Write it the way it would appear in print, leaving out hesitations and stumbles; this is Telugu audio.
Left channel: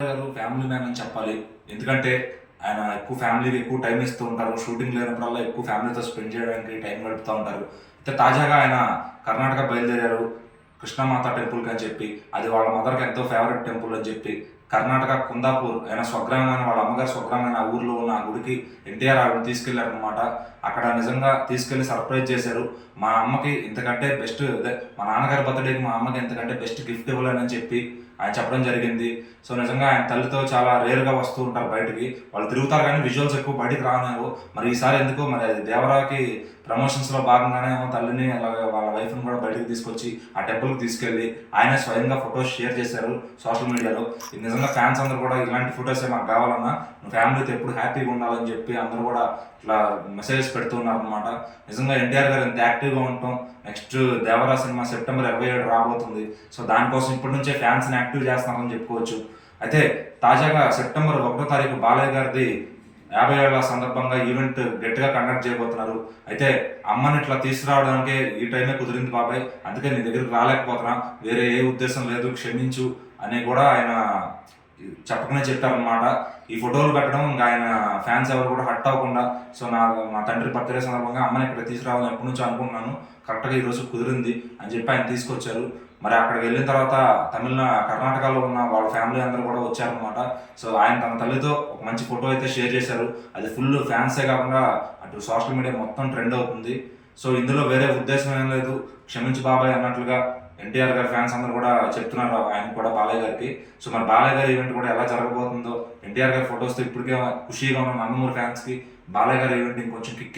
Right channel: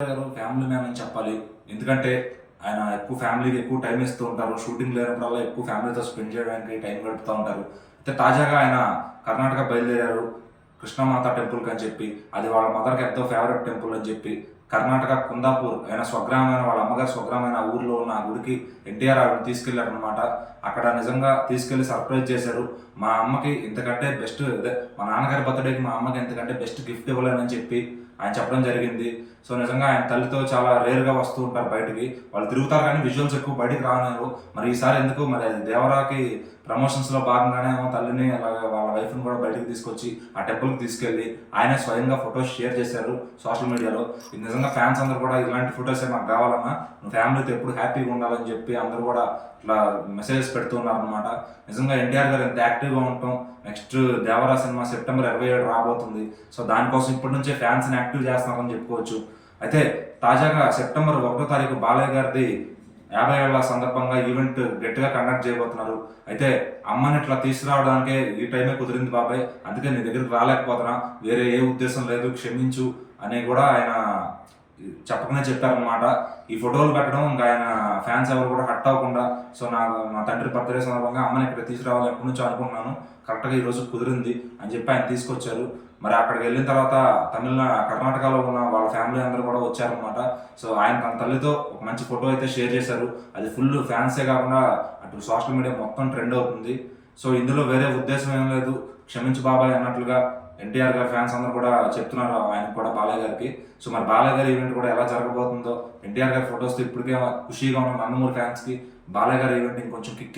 గారు ఫ్యామిలీ మ్యాన్ అని చెప్పాలి. ఎందుకంటే ఆయన ఎక్కువ ఫ్యామిలీకి ఎక్కువ టైం ఇస్తూ ఉంటారు. షూటింగ్ లేనప్పుడల్లా ఎక్కువ ఫ్యామిలీతో స్పెండ్ చేయడానికి టైం గడుపుతా ఉంటారు. అయితే తాజాగా ఆయన కర్ణాటక బయలుదేరారు. కృష్ణమాత టెంపుల్‌కి అని చెప్పి. అది వాళ్ళ మదర్‌కి ఎంతో ఫేవరెట్ టెంపుల్ అని చెప్పి. కర్ణాటక కుందాపూర్ ఆయన స్వగ్రామమైన వాళ్ళ అమ్మగారి స్వగ్రామమైన ఆ ఊర్లో ఉన్న ఆ గుడికి ఎన్టీఆర్ ఆవిడని తీసుకెళ్లారనమాట. అక్కడ నిజంగా తీసుకెళ్ళి సర్ప్రైజ్ చేశారు. మా అమ్మకి ఇంతకంటే బెస్ట్ మా నాన్నగారి బర్త్‌డేకి మా అమ్మకి ఇంతకంటే బెస్ట్ గిఫ్ట్ ఇవ్వలేనని చెప్పి ఆయన చెప్పడం జరిగింది. సో, నిజంగా ఆయన తల్లితో చాలా రేర్‌గా వస్తూ ఉంటారు బయటికి. వాళ్ళు తిరుగుతారు కానీ విజువల్స్ ఎక్కువ బయటికి రానివ్వరు. మరి ఈసారి ఎందుకో మరి అది దేవరాకి ప్రమోషన్స్‌లో భాగంగానే ఏమో తల్లిని అలాగే వాళ్ళ వైఫ్‌ని కూడా బయటికి తీసుకొచ్చి ఆ టెంపుల్‌కి తీసుకెళ్ళి ఆయనే స్వయంగా ఫోటోస్ షేర్ చేశారు సోషల్ మీడియాలో. ఇది నిజంగా ఫ్యాన్స్ అందరూ కూడా ఇలాంటి ఫోటోసే మాకు కావాలన్నా, నువ్వు ఫ్యామిలీతో ఎప్పుడు హ్యాపీగా ఉండాలని చెప్పి అందరూ కూడా ఇట్లా మెసేజెస్ పెడుతున్నారనమాట. నిజంగా ఎన్టీఆర్ గారు ఎంత యాక్టివ్‌గా ఉండటం, నెక్స్ట్ 'దేవరా' సినిమా సెప్టెంబర్ 27 రాబోతుంది. సో, దానికోసం ఇప్పటి నుంచే ఫ్యాన్స్‌ని యాక్టివ్ చేస్తున్నారని చెప్పుకోవచ్చు. అయితే తాజాగా సెప్టెంబర్ 1వ తారీఖు బాలయ్య గారిది 50 ఏళ్ల సందర్భంగా ఈవెంట్ గట్టిగా కండక్ట్ చేయబోతున్నారు. అయితే అమ్మని ఇట్లా తీసుకురావడానికే ఈ టైమే కుదిరింది బాబాయ్. అందుకే నీ దగ్గరికి రాలేకపోతున్నా. వేరే ఏ ఉద్దేశం లేదు, క్షమించు అని కూడా ఆయన చెప్పకనే చెప్పారనమాట. ఈ ఫోటోలు పెట్టడం ఇంకా ఆయన ఫ్యాన్స్ ఎవరు కూడా హర్ట్ అవ్వకుండా, సో నా తండ్రి బర్త్‌డే సందర్భంగా అమ్మని ఇక్కడ తీసుకురావాలని ఎప్పటి నుంచో అనుకుంటున్నాను. కరెక్ట్‌గా ఈరోజు కుదిరింది అని చెప్పి ఆయన తీసుకొచ్చారు. మరి అక్కడికి వెళ్ళిన తర్వాత కర్ణాటకలో ఉన్న వాళ్ళ ఫ్యామిలీ అందరూ కూడా వచ్చారనమాట. సో, ఆయన తన తల్లితో ఒక మంచి ఫోటో అయితే షేర్ చేశారు. అది ఫుల్ ఫ్యాన్సే కాకుండా అటు సోషల్ మీడియా మొత్తం ట్రెండ్ అవుతుంది. సో, ఇందులో వేరే ఉద్దేశం ఏం లేదు. క్షమించు బాబాయ్ అన్నట్లుగా ఎన్టీఆర్ గారి ఫ్యాన్స్ అందరూ కూడా చెప్తున్నారు ఆయనకు కూడా, బాలయ్య గారికి. సో, మరి బాలయ్య గారి ఈవెంట్ కూడా ఎలా జరగబోతుందో, ఎన్టీఆర్ గారి ఫోటోస్‌తో ఇప్పటికే ఖుషీగా ఉన్న నందమూరి ఫ్యాన్స్‌కి బాలయ్య గారి ఈవెంట్ ఇంకొంచెం కిక్